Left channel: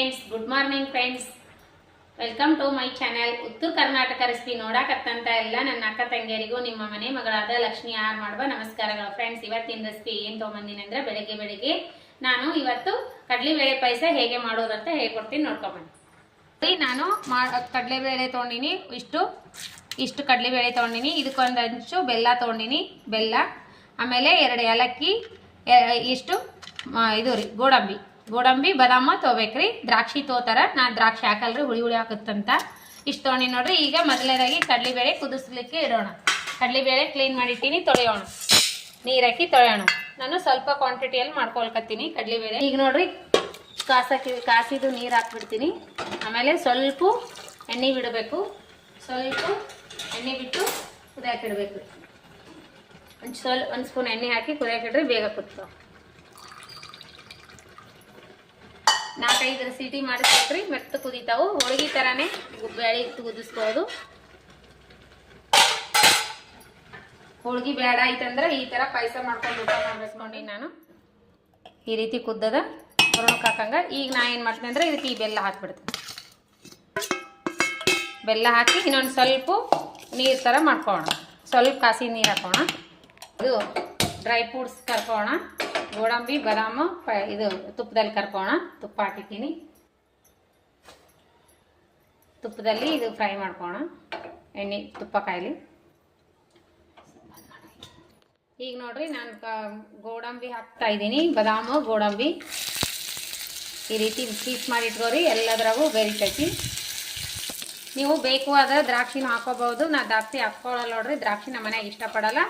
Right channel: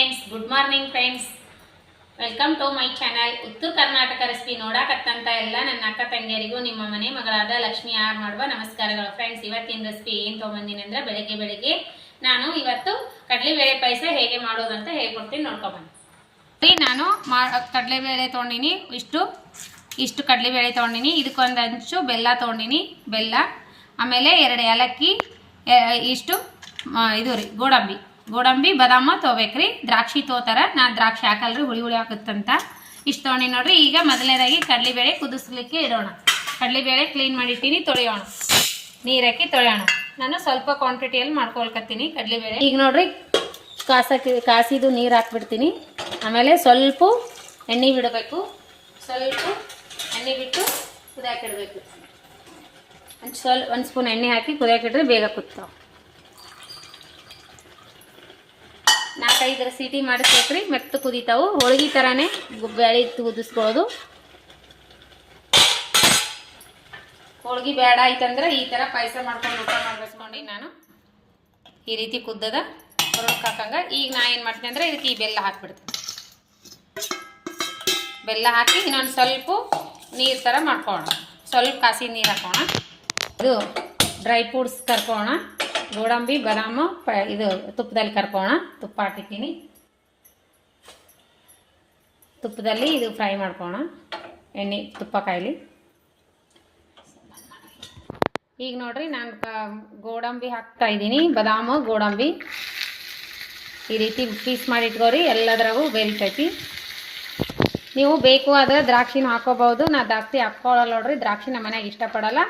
Friends, good morning friends. Welcome to my channel. Uttara Karnataka recipe ನೋಡಕತ್ತಂತ ಎಲ್ಲ ನನ್ನ ಅಕ್ಕ ತಂಗಿಯರಿಗೂ ನಿಮ್ಮ ಮನೆ ಮಗಳಾದ ಲಕ್ಷ್ಮಿ ಆರ್ ಮಾಡುವ ನಮಸ್ಕಾರಗಳು. ಫ್ರೆಂಡ್ಸ್, ಇವತ್ತಿನ ರೆಸಿಪಿ ಏನು ತೊಗೊಂಬಂದಿನಿ ಅಂದ್ರೆ ಬೆಳಗ್ಗೆ ನಾನು ಇವತ್ತು ಕಡಲೆಬೇಳೆ ಪಾಯಸ ಹೇಗೆ ಮಾಡೋದು ಅಂತ ಹೇಳ್ಕೊಡ್ತೀನಿ, ನೋಡ್ಕೊಂಬಂದು. ನಾನು ಕಡಲೆಬೇಳೆ ತೊಗೊಂಡಿನಿ, ಇಷ್ಟು ಕಡಲೆಬೇಳೆ ತೊಗೊಂಡಿನಿ. ಇದಕ್ಕೊಂದು ಅಂಚು ಬೆಲ್ಲ ತೊಗೊಂಡಿನಿ, ಬೆಲ್ಲ. ಆಮೇಲೆ 2 ಏಲಕ್ಕಿ, ಇಷ್ಟು ಇದು ರೀ ಗೋಡಂಬಿ ಬಾದಾಮ ತೊಗೋಬೇಕ್ರಿ. ದ್ರಾಕ್ಷಿ ತೋತಾರ, ನಾನು ದ್ರಾಕ್ಷಿ ಹಾಕಲ್ರಿ, ಹುಳಿ ಹಾಕುತ್ತಂತ. ಇಷ್ಟು ತೊಗೊಂಡಿ ನೋಡ್ರಿ. ಈಗ ಮೊದಲನೇದಾಗಿ ಕಡಲೆಬೇಳೆ ಕುದಿಸ್ಲಿಕ್ಕೆ ಇಡೋಣ. ಕಡಲೆಬೇಳೆ ಕ್ಲೀನ್ ಮಾಡಿಟ್ಟಿನಿ, ತೊಳೆಯೋಣ. ನೀರು ಹಾಕಿ ತೊಳೆಯೋಣ. ನಾನು ಸ್ವಲ್ಪ ಕ್ವಾಂಟಿಟಿಯಲ್ಲಿ ಮಾಡ್ಕೊಳ್ಕತ್ತೀನಿ ಕಡಲೆಬೇಳೆ. ಈಗ ನೋಡ್ರಿ, ಕಾಸಿದು ನೀರು ಹಾಕ್ಬಿಡ್ತೀನಿ. ಆಮೇಲೆ ಸ್ವಲ್ಪ ಎಣ್ಣೆ ಬಿಡಬೇಕು. ಸ್ವಲ್ಪ ಎಣ್ಣೆ ಬಿಟ್ಟು ಕುದಿಯಾಕಿಡ್ಬೇಕು. ಒಂದು ಸ್ಪೂನ್ ಎಣ್ಣೆ ಹಾಕಿ ಕುದಿಯಾಕಿಡ್ರಿ, ಬೇಗ ಕುದ್ತಾವ. 4-5 ಸೀಟಿ ಮಾಡಿಸ್ಬೇಕ್ರಿ, ಮೆತ್ತ ಕುದಿತಾವು. ಹೋಳಿಗೆ ಥರನೇ ಬೇಳೆ ಕುದಿಸ್ಕೊಳ್ಳೋದು. ಹೋಳಿಗೆ ಬೇಡ ಆಯ್ತಂದ್ರೆ ಈ ಥರ ಪಾಯಸ ಮಾಡ್ಕೊಂಡು ಊಟ ಮಾಡ್ಬೇಸ್ಕೊಂಡು ನಾನು ಈ ರೀತಿ ಕುದ್ದದ ಹೊರಕ್ಕೆ ಹಾಕಂಗ. ಈಗ ನಾ ಏನು ಮಾಡ್ತೀನಿ ಅಂದರೆ ಇದಕ್ಕೆ ಈ ಬೆಲ್ಲ ಹಾಕ್ಬಿಡ್ತೀನಿ. ಬೆಲ್ಲ ಹಾಕಿ ಇನ್ನೊಂದು ಸ್ವಲ್ಪ ನೀರು ಥರ ಮಾಡ್ಕೊಳ್ಳೋಣ. ಸ್ವಲ್ಪ ಕಾಸಿ ನೀರು ಹಾಕೋಣ. ಇದು ಡ್ರೈ ಫ್ರೂಟ್ಸ್ ಕರ್ಕೊಳ್ಳೋಣ. ಗೋಡಂಬಿ ಬಾದಾಮು ಇದು ತುಪ್ಪದಲ್ಲಿ ಕರ್ಕೊಳ್ಳೋಣ. ತುಪ್ಪ ಹಾಕಿದ್ದೀನಿ, ತುಪ್ಪದಲ್ಲಿ ಇದು ಫ್ರೈ ಮಾಡ್ಕೊಳ್ಳೋಣ. ಎಣ್ಣೆ ತುಪ್ಪ ಕಾಯಿಲಿ. ಈಗ ನೋಡ್ರಿ, ನಾನು ಗೋಡಂಬಿ ಹಾಕ್ತಾ ಇದ್ದೀನಿ. ಬಾದಾಮು ಗೋಡಂಬಿ ಈ ರೀತಿ ಪೀಸ್ ಮಾಡಿ ಇಟ್ಕೋರಿ. ಎಲ್ಲದ್ರಾಗೂ ಬೆರಿತೈತಿ. ನೀವು ಬೇಕು ಆದರೆ ದ್ರಾಕ್ಷಿನೂ ಹಾಕೋಬಹುದು. ನಾ ದ್ರಾಕ್ಷಿ ಹಾಕ್ಕೊಳ್ಳಲ್ಲ ನೋಡ್ರಿ, ದ್ರಾಕ್ಷಿ ನಮ್ಮ ಮನೆಗೆ ಇಷ್ಟಪಡಲ್ಲ.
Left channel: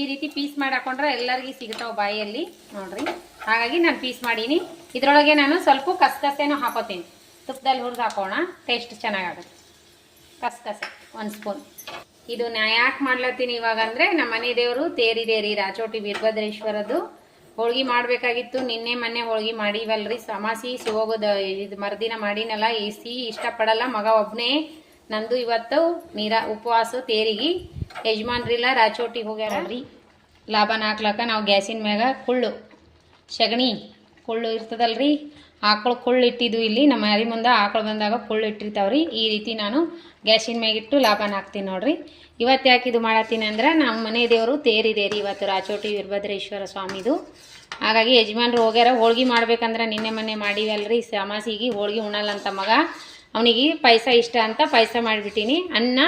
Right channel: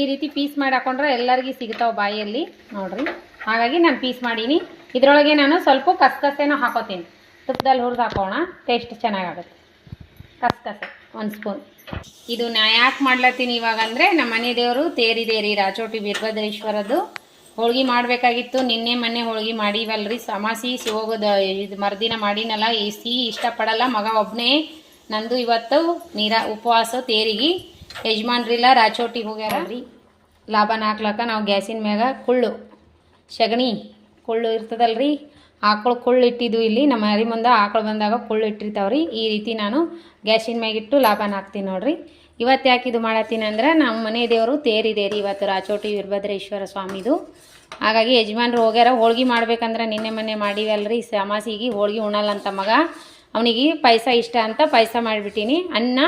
ಈ ರೀತಿ ಪೀಸ್ ಮಾಡಿ ಹಾಕೊಂಡ್ರೆ ಎಲ್ಲರಿಗೂ ಸಿಗ್ತಾವೆ ಬಾಯಲ್ಲಿ ನೋಡ್ರಿ. ಹಾಗಾಗಿ ನಾನು ಪೀಸ್ ಮಾಡೀನಿ. ಇದರೊಳಗೆ ನಾನು ಸ್ವಲ್ಪ ಕಸಕಸೆನೂ ಹಾಕೋತೀನಿ. ತುಪ್ಪದಲ್ಲಿ ಹುರಿದು ಹಾಕೋಣ, ಟೇಸ್ಟ್ ಚೆನ್ನಾಗಾಗುತ್ತೆ. ಕಸಕಸೆ 1 ಸ್ಪೂನ್. ಇದು ನಾ ಯಾಕೆ ಮಾಡ್ಲತ್ತೀನಿ ಇವಾಗ ಅಂದರೆ, ನಮ್ಮ ಮನೆ ದೇವರು ತೇರಿದೆ ರೀ, ರಾಚೋಟಿ ವೀರಭದ್ರೇಶ್ವರದ್ದು. ಹೋಳ್ಗೆ ಮಾಡಬೇಕಾಗಿತ್ತು. ನಿನ್ನೆ ಮೊನ್ನೆ ಹೋಳ್ಗೆ ಮಾಡೀವಲ್ರಿ. ಅಮಾಸಿ ಹೋಗೋದು ಇದು ಮರುದಿನ ಮಾಡಿನಲ್ಲ. ಇಷ್ಟಪಡಲ್ಲ ಮಗ ಒಬ್ಬನೇ. ನಂದು ಇವತ್ತು ಉಪವಾಸ ತೇರಿಗೆ. ಯಜಮಾನ್ರಿಲ್ಲ, ರಾಚೋಟಿಗೆ ಹೋಗ್ಯಾರಲ್ರಿ. ಲಾಭನ ಹಾಕ್ಲಕ್ಕ ನಾವು ಗ್ಯಾಸಿನ ಮ್ಯಾಗ ಸಗಣಿ ಕುಳ್ಳು ಇರ್ತದಲ್ರಿ, ಆಕಳು ಕುಳ್ಳು ಇಟ್ಟಿದ್ದು ಇಲ್ಲಿ ನಮ್ಮ ಮನೆ ಮುಂದೆ. ಆಕಳು ಬಂದಾಗ ಕುಳ್ಳು ಇಟ್ಟಿರ್ತಾವ್ರಿ. ಈ ರೀತಿ ನಾನು ಗ್ಯಾಸಿನ ಮ್ಯಾಗಿಟ್ಟು ಲಾಭನ ಹಾಕ್ತೀನಿ ನೋಡ್ರಿ. ಇವತ್ತು ಯಾಕೆ ಇದು ಮಾಡತ್ತೀನಿ ಅಂದ್ರೆ, ನಮ್ಮ ಮನೆ ದೇವರು ತೇರಿದೆ ರೀ ಇವತ್ತು, ರಾಚೋಟಿ ವೀರಭದ್ರೇಶ್ವರ ಸ್ವಾಮಿದು. ಹಾಗಾಗಿ ಯಜಮಾನ್ರು ಹೋಗ್ಯಾರ. ಹೋಳ್ಗೆ ಮಾಡ್ಬೇಕಂದ್ರೆ ನಿನ್ನೆ ಮೊನ್ನೆ ಮಾಡೀವಲ್ರಿ. ಅಮಾಸಿಗೆ ಹೋಳ್ಗೆ ಉಣ್ಣಲ್ಲ ಅಂತ ಮಗ, ಅವನಿಗೆ ಪಾಯಸ ಇಷ್ಟ ಅಂತ ಪಾಯಸ ಮಾಡಿಬಿಟ್ಟಿನಿ. ಅನ್ನ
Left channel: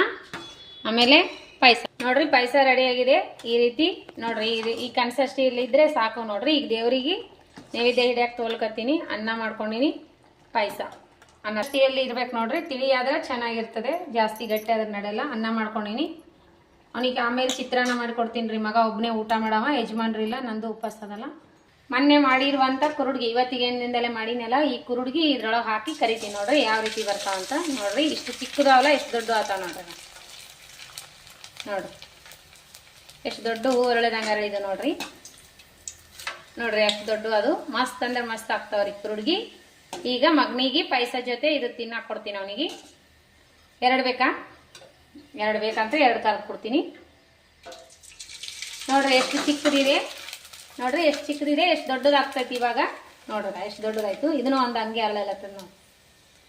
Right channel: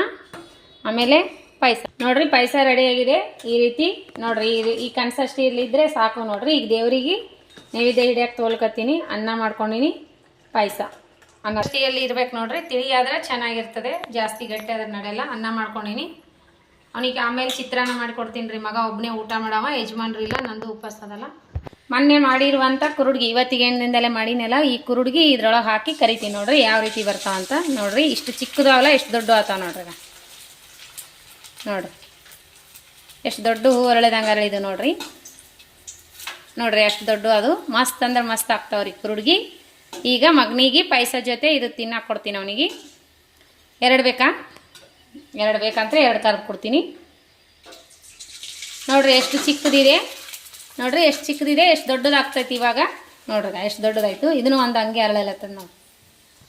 ಆಮೇಲೆ ಪಾಯಸ ನೋಡ್ರಿ. ಪಾಯಸ ರೆಡಿಯಾಗಿದೆ. ಈ ರೀತಿ ನೋಡ್ರಿ, ಈ ಕನ್ಸಿಸ್ಟೆನ್ಸಿಯಲ್ಲಿ ಇದ್ರೆ ಸಾಕು ನೋಡ್ರಿ. ಈಗ ದೇವರಿಗೆ ನೈವೇದ್ಯ ಹಿಡಿಯಕ್ಕೆ ತೋಲ್ಕತ್ತೀನಿ. ಅನ್ನ ಮಾಡ್ಕೊಂಡಿನಿ, ಪಾಯಸ ಅನ್ನ ಟೀಯಲ್ಲಿ ಇರ್ಬೇಕು ನೋಡ್ರಿ. ತಿಳಿಯಾದ್ರೆ ಚೆನ್ನಾಗಿರ್ತದೆ, ಜಾಸ್ತಿ ಗಟ್ಟಿ ಆದ್ರೆ ನಡೆಯಲ್ಲ. ಅನ್ನ ಮಾಡ್ಕೊಂಡಿನಿ. ಅವನಿಗೆ ಆಮೇಲೆ ಚಿತ್ರಾನ್ನ ಮಾಡಿಕೊಡ್ತೀನಿ ರೀ. ಮಗ ಒಬ್ಬನೇ ಊಟ ಮಾಡವ, ಯಜಮಾನ್ರು ಇಲ್ಲ, ನಂದು ಉಪವಾಸ ಅದಲ್ಲ. ಮೊನ್ನೆ ಮಾಡಿರುವಂಥ ಕುರುಡ್ಗಿ ಇವತ್ತಿಗೆ ಎಣ್ಣಿಂದಲೇ ಮಾಡಿನಲ್ಲ. ಈ ಕುರುಡ್ಗಿ ಇದ್ರೊಳಗೆ ಹಾಕಿ ಕರಿತೀನಿ ನೋಡ್ರಿ, ಯಾವ ರೀತಿ ಬರ್ತಾವ ಅಂತ ನೋಡ್ರಿ. ಇಷ್ಟು ಚಿಕ್ಕದಾವಲ್ಲ, ಎಷ್ಟು ದೊಡ್ಡ ಆತಾವ ನೋಡ್ರಿ. ನೋಡ್ರಿ ಎಷ್ಟು ದೊಡ್ಡ ಹೂ ಅರಳಿದಂಗಾರ ಇದು ನೋಡ್ರಿ. ಎಷ್ಟು ದೊಡ್ಡ, ಅದು ಮಸ್ತ್ ಅಂದ್ರೆ ಮಸ್ತ್ ಆಗ್ತಾವ್ರಿ ಕುರುಡ್ಗಿ. ಈಗ ಮಗನಿಗೆ ಪಾಯಸ ಜೊತೆ ಇದು ತಿನ್ನಕ್ಕೆ ಕೊಡ್ತೀನಿ. ಅವನಿಗೆ 2 ಬೇಕಾ? 2 ಬೇಕಂದ್ರೆ 2 ತರಕ್ಕೆ ಕೊಡ್ತೀನಿ. ನೋಡ್ರಿ ಎಷ್ಟು ಚಿಕ್ಕದಿದೆ ನೋಡ್ರಿ, ಎಷ್ಟು ಚಿಕ್ಕದಿದೆ, ಎಷ್ಟು ದೊಡ್ಡದಾಗ್ತೈತಿ ಇವಾಗ ನೋಡ್ರಿ. ಎಷ್ಟು ದೊಡ್ಡದಾಯ್ತು. ಇದನ್ನು ಒಂದು ಹಂಗೆ ಅರಳಲತ್ತದ ನೋಡಿ.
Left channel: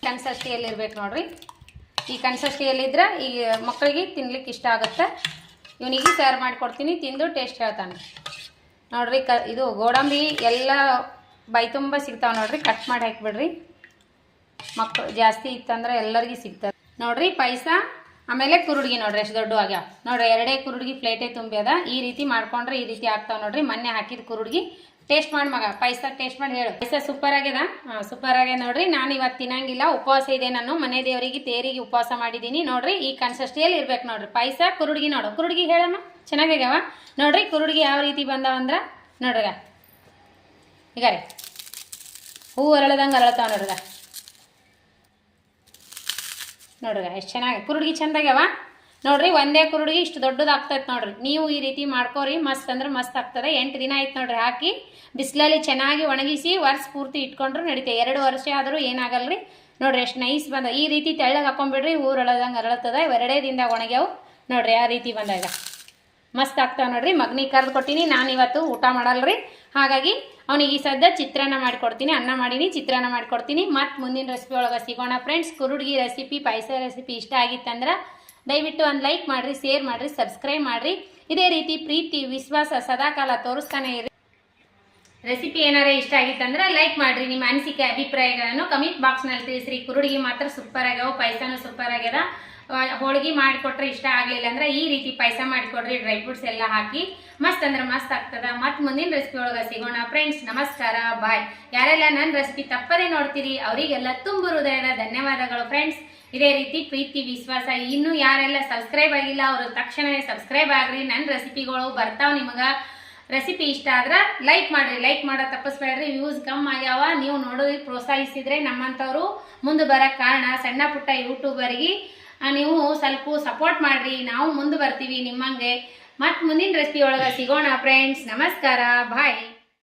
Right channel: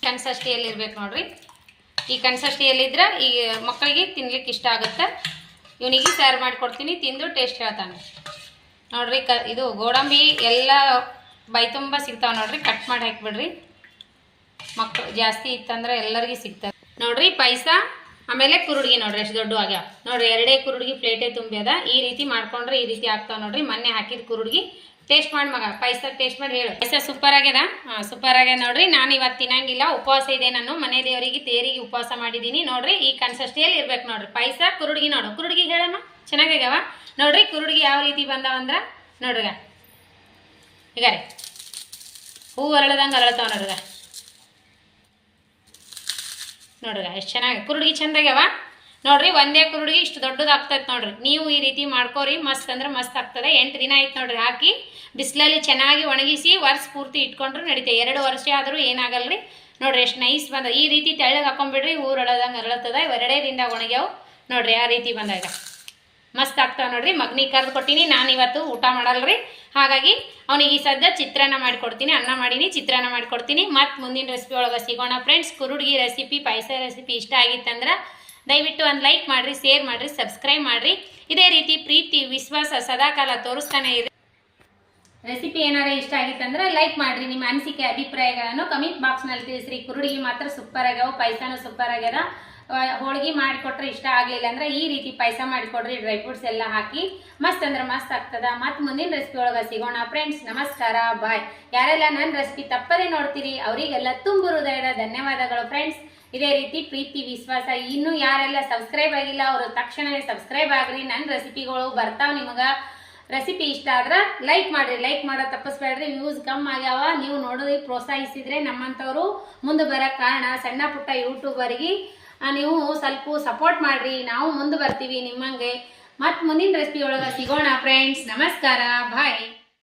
ಕನ್ಸಿಸ್ಟೆನ್ಸಿಯಲ್ಲಿ ಇರ್ಬೇಕು ನೋಡ್ರಿ. ಈ ಕನ್ಸಿಸ್ಟೆನ್ಸಿಯಲ್ಲಿದ್ರೆ ಈ ಮಕ್ಕಳಿಗೆ ತಿನ್ಲಿಕ್ಕೆ ಇಷ್ಟ ಆಗುತ್ತೆ. ಇವನಿಗೆ ಸಾರು ಮಾಡಿಕೊಡ್ತೀನಿ, ತಿಂದು ಟೇಸ್ಟ್ ಹೇಳ್ತಾನೆ ನೋಡ್ರಿ. ಇದು ಗೋಡಂಬಿ ಎಲ್ಲ ಬೈ ತುಂಬ ಸಿಗ್ತಾವೆ ನೋಡ್ರಿ. ಕಟ್ ಮಾಡಿ ಹಾಕಿಬಿಡ್ರಿ. ಮಕ್ಕಳು ಜಾಸ್ತಿ ಇತ್ತಂದ್ರೆ ಎಲ್ಲರಿಗೂ ಸಿಗ್ತದೆ ನೋಡ್ರಿ ಪಾಯಸ. ಆಮೇಲೆ ಕುರುಡ್ಗಿ ನೋಡ್ರಿ ಎಷ್ಟು ದೊಡ್ಡ ಆಗ್ಯಾವ ನೋಡ್ರಿ. 2 ಕುರುಡ್ಗಿ ಪ್ಲೇಟೇ ತುಂಬ್ಯದ. ಈ ರೀತಿ ಮಾಡ್ಕೊಂಡ್ರೆ ಈ ರೀತಿ ಆಗ್ತಾವ ನೋಡ್ರಿ. ಮೊನ್ನೆ ಹಾಕಿದ ಕುರುಡ್ಗಿ ಟೇಸ್ಟ್ ಮಾಡಿ ಮಗ, ಪಾಯಸ ಟೇಸ್ಟ್ ಮಾಡಿ ಹೇಳು. ಪಾಯಸ ಸೂಪರ್ ಆಗ್ಯದ. ಸೂಪರ್ ಆಗ್ಯದ ನೋಡ್ರಿ. ನಾನು ಇವತ್ತು ತಿನ್ನಂಗಿಲ್ಲ, ಉಪವಾಸ ಇದೆ. ನಾನು ಮನೆ ದೇವರಿಗೆ ತೇರಿಗೆ ಉಪವಾಸ ಮಾಡಿದ್ದೀನಿ ನೋಡ್ರಿ. ಈ ಕನ್ಸಿಸ್ಟೆನ್ಸಿಯಲ್ಲಿ ಇರ್ಬೇಕು ನೋಡ್ರಿ ಪಾಯಸ. ಕುರುಡ್ಗಿ ನೋಡು, ಕುರುಡ್ಗಿ ಹೇಳಮ್ಮ, ಚೆನ್ನಾಗ್ಯಾವ ನೋಡ್ರಿ. ಕುರುಡ್ಗಿ ಯಾವ ರೀತಿ ಬಂದಾವಂದ್ರೆ ನೋಡ್ರಿಗ, ಈಗ ರೀ ಹೂ ಅರಳದಂಗೆ ಅರಳತಾವ ನೋಡ್ರಿಗ. ಎಷ್ಟು ಚೆನ್ನಾಗಿ ಕುರುಡ್ಗಿ ಚಂದಾಗ್ಯಾವ ನೋಡ್ರಿ. ಒಂದೇ ಕುರುಡ್ಗಿ ಇಷ್ಟು ದೊಡ್ಡದಾಗ್ತೈತೆ ನೋಡ್ರಿ. ನೀವು ಈ ರೀತಿ ಮಾಡ್ಕೋರಿ, ಮಸ್ತ್ ಅಂದ್ರೆ ಮಸ್ತ್ ಆಗ್ತದೆ. 8 ದಿನ ಆಯ್ತು ನೋಡ್ರಿ ಹಾಕಿ. ಬಿಸಿಲಲ್ಲಿ ಚೆನ್ನಾಗಿ ಒಣಗಿಸಿ ವರ್ಷ ಪೂರ್ತಿ ಇಟ್ಕೊಂಡ್ರು ನಡೀತೆ. 2 ವರ್ಷ ಆದರೂ ಏನಾಗಲ್ರಿ ನೋಡ್ರಿ. ಎಷ್ಟು ನೈಸ್ ಬಂದ. ಈ ರೀತಿ ತೆಳ್ಳಗೆ ಹಾಕೊಂಡ್ಬಿಡ್ರಿ, ಹೂ ಅರಳದಂಗೆ ಅರಳತದ. 2 ದಿನದಾಗ ಒಣಗ್ಯಾವು ನೋಡ್ರಿ. ಆ ರೀತಿ ಬಂದಾಗ ಮಸ್ತ್ ಆಗ್ತಾವೆ ನೋಡ್ರಿ. ಮಗನಿಗೆ ಕರೆದು ಕೊಟ್ಟಿನಿ, ನಾನು ಇವತ್ತು ಊಟ ಮಾಡಲ್ರಿ. ಹಾಗಾಗಿ ಅವನಿಗೆ ಈ ಸದ್ಯ ಚಿತ್ರಾನ್ನ ಮಾಡಿಕೊಡ್ತೀನಿ, ಅನ್ನ ಮಾಡೀನಿ, ಚಿತ್ರಾನ್ನ ಮಾಡಿಕೊಡ್ತೀನಿ. ಮತ್ತು ಮುಂದಿನ ರೆಸಿಪಿ ಒಳಗೆ ಸಿಗೋಣ ಫ್ರೆಂಡ್ಸ್. ಕುರುಡ್ಗಿ ರೆಸಿಪಿ, ಪಾಯಸ ರೆಸಿಪಿ ಇಷ್ಟ ಆಗಿತ್ತಂದ್ರೆ ದಯವಿಟ್ಟು ಒಂದು ಲೈಕ್ ಮಾಡಿರಿ, ಶೇರ್ ಮಾಡಿರಿ, ಸಬ್ಸ್ಕ್ರೈಬ್ ಮಾಡಿರಿ. ಇದೇ ರೀತಿ ಪ್ರೀತಿ ವಿಶ್ವಾಸ ಸದಾಕಾಲ ತೋರಿಸ್ತಾನೆ ಇರಿ. ರೆಸಿಪಿ ಏನಾರ ಇಷ್ಟ ಆಗಿತ್ತಂದ್ರೆ ಲೈಕ್ ಮಾಡಿರಿ. ನಿಮ್ಮ ಅನಿಸಿಕೆ ಅಭಿಪ್ರಾಯಗಳನ್ನು ಕಮೆಂಟ್ ಬಾಕ್ಸ್ನಲ್ಲಿ ತಿಳಿಸ್ರಿ. ಕುರುಡಿಗೆ ಮಾತ್ರ ಸೂಪರ್ ಆಗ್ಯಾವ, ಪಾಯಸನೂ ಸೂಪರ್ ಆಗ್ಯದ. ಹೋಳಿಗೆ ಮಾಡಿಕೊಟ್ರೆ ಇಷ್ಟ ಆಗಲಿಲ್ಲ ಅಂದ್ರೆ ಈ ರೀತಿ ಪಾಯಸ ಮಾಡಿಕೊಡ್ರಿ, ಡ್ರೈ ಫ್ರೂಟ್ಸ್ ಎಲ್ಲ ಹಾಕಿ ಮಸ್ತ್ ಅಂದ್ರೆ ಮಸ್ತ್ ಆಗ್ತದ. ಮತ್ತು ಮುಂದಿನ ರೆಸಿಪಿ ಒಳಗೆ ಸಿಗೋಣ ಫ್ರೆಂಡ್ಸ್. ನಮಸ್ಕಾರ, ಬಾಯ್. ಯಾರೆಲ್ಲ ನನ್ನ ರೆಸಿಪಿ ತಪ್ಪದೇ ನೋಡ್ತೀರಿ ಅವರಿಗೆಲ್ಲ ತುಂಬ ಹೃದಯದ ಧನ್ಯವಾದಗಳು ಫ್ರೆಂಡ್ಸ್. ಇದೇ ರೀತಿ ಪ್ರೀತಿ ವಿಶ್ವಾಸ. ಇನ್ನೂ ಯಾರೆಲ್ಲ ಸಬ್ಸ್ಕ್ರೈಬ್ ಆಗಿಲ್ಲ ಅವರು ತಕ್ಷಣವೇ ಸಬ್ಸ್ಕ್ರೈಬ್ ಆಗ್ರಿ. ನನ್ನ ರೆಸಿಪಿಗಳು ಬರ್ತಾವೆ. ನಿಮಗೆ ರೆಸಿಪಿ ಇಷ್ಟ ಆದ್ರೆ ಲೈಕ್ ಮಾಡಿರಿ, ಲೈಕ್ ಮಾಡೋ ತಪ್ಪಿಸ್ಬೇಡ್ರಿ. ವ್ಯೂಸ್ ಕಮ್ಮಿ ಆಗ್ಯಾವ, ನೀವು ನೋಡೋದಕ್ಕೆ ಪ್ರೋತ್ಸಾಹಿಸಿದ್ರೆ ನಮ್ಮಂಥವ್ರು ಮುಂದೆ ಬರೋಕ್ಕೆ ಕಾರಣ. ಸಣ್ಣ ಪುಟ್ಟ ಯೂಟ್ಯೂಬರಿಗೆ ನೀವು ಸ್ವಲ್ಪ ಸಪೋರ್ಟ್ ಮಾಡಿರಿ, ನಾವು ಮುಂದೆ ಬರ್ತೀವಿ ನಿಮ್ಮಂಗೆ. ಮತ್ತು ಮುಂದಿನ ರೆಸಿಪಿ ಒಳಗೆ ಸಿಗೋಣ ಫ್ರೆಂಡ್ಸ್. ನಮಸ್ಕಾರ, ಬಾಯ್.